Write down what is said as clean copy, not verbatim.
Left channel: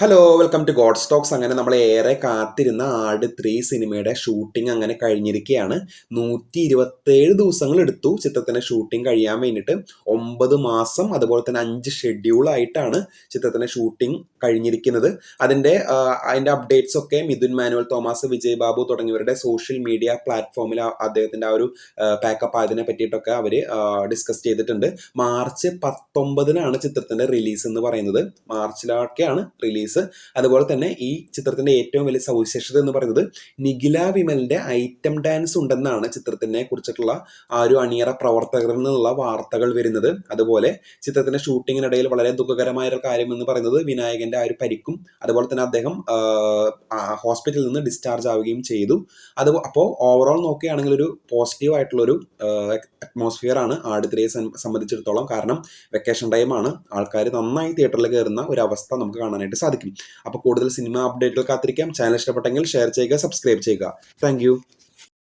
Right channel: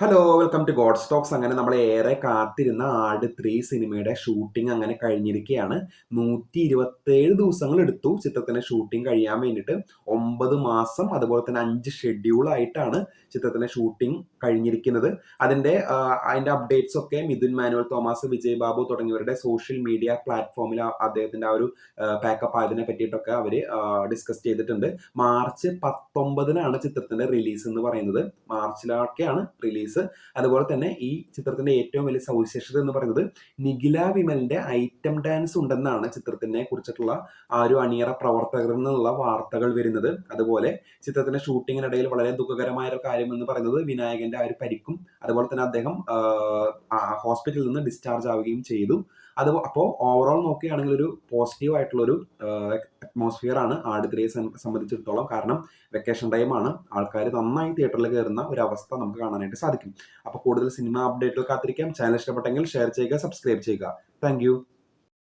Hello welcome to god stocks. അങ്ങനെ നമ്മൾ ഏറെ കാത്തിരുന്ന ആട് 3 സിനിമയുടെ ഷൂട്ടിംഗ് അങ്ങനെ കഴിഞ്ഞിരിക്കുകയാണ്. 127 ദിവസങ്ങൾ എടുത്തു ചിത്രത്തിന്റെ ഷൂട്ടിംഗ് കഴിയാൻ വേണ്ടിയിട്ട്. 9 മാസം അതുപോലെ തന്നെ 5 ഷെഡ്യൂളായിട്ടാണ് ചിത്രത്തിന്റെ ഷൂട്ടിംഗ് കഴിഞ്ഞിരിക്കുന്നത്. അതിന്റെ അപ്ഡേറ്റ്സ് ഒക്കെ മിഥുൻ മാനുവൽ തോമസ്, വിജയ് ബാബു തുടങ്ങിയവരുടെ സോഷ്യൽ മീഡിയ പ്ലാറ്റ്ഫോമിൽ അദ്ദേഹത്തിന്റെ ആ ഒരു പാക്കപ്പ് അതിനെ പറ്റിയിട്ടൊക്കെ അവർ ഡിസ്കസ് ചെയ്തിട്ടുണ്ട്. മാർച്ച് 19-നാണ് ചിത്രത്തിന്റെ റിലീസ് എന്ന് പറയുന്നത്. മാർച്ചിലൊക്കെയാണ് റിലീസ്. അതുപോലെ തന്നെ ഈ ചിത്രത്തിന്റെ ഏറ്റവും വലിയ സവിശേഷത എന്ന് പറയുന്നത് നിഖില വിമലിന്റെ ഐറ്റം ഡാൻസ് ഉണ്ടെന്നാണ് ചിത്രത്തിനെ കുറിച്ചിട്ടുള്ള ആ ഒരു അണിയറ പ്രവർത്തകരിൽ നിന്നുള്ള വാർത്തകൾ വരുന്നത്. അതുപോലെ ചിത്രത്തിന്റെ ഷൂട്ടിങ്ങിനിടയിൽ വളരെ ദുഃഖകരമായ ഒരു കാര്യം എന്ന് പറയുന്നത് വിനായകന്റെ ആ ഒരു പരിക്കും അതുപോലെ തന്നെ അദ്ദേഹം ഹോസ്പിറ്റലിൽ നിന്ന് ഡിസ്ചാർജ് ആവുകയും ചെയ്തു. അപ്പോൾ ഓവറോൾ നോക്കുകയാണെങ്കിൽ ഒരു പോസിറ്റീവ് ആയിട്ടുള്ള ഒരു അറ്റ്മോസ്ഫിയർ ആണ് ആട് 3 സംബന്ധിച്ചിടത്തോളം. കാരണം വെക്കേഷൻ ടൈമാണ്, ആൾക്കാർ നന്നായി തിയേറ്ററിൽ കയറുന്ന ഒരു അവസ്ഥ നമുക്ക് കാണാനായിട്ട് സാധിക്കും. അപ്പോൾ കൂടുതൽ സിനിമ അപ്ഡേറ്റുകൾ കാത്തിരിക്കാം. ചാനൽ ഇഷ്ടപ്പെട്ടെങ്കിൽ ഷെയർ ചെയ്യുക, സബ്സ്ക്രൈബ് ചെയ്യുക. താങ്ക്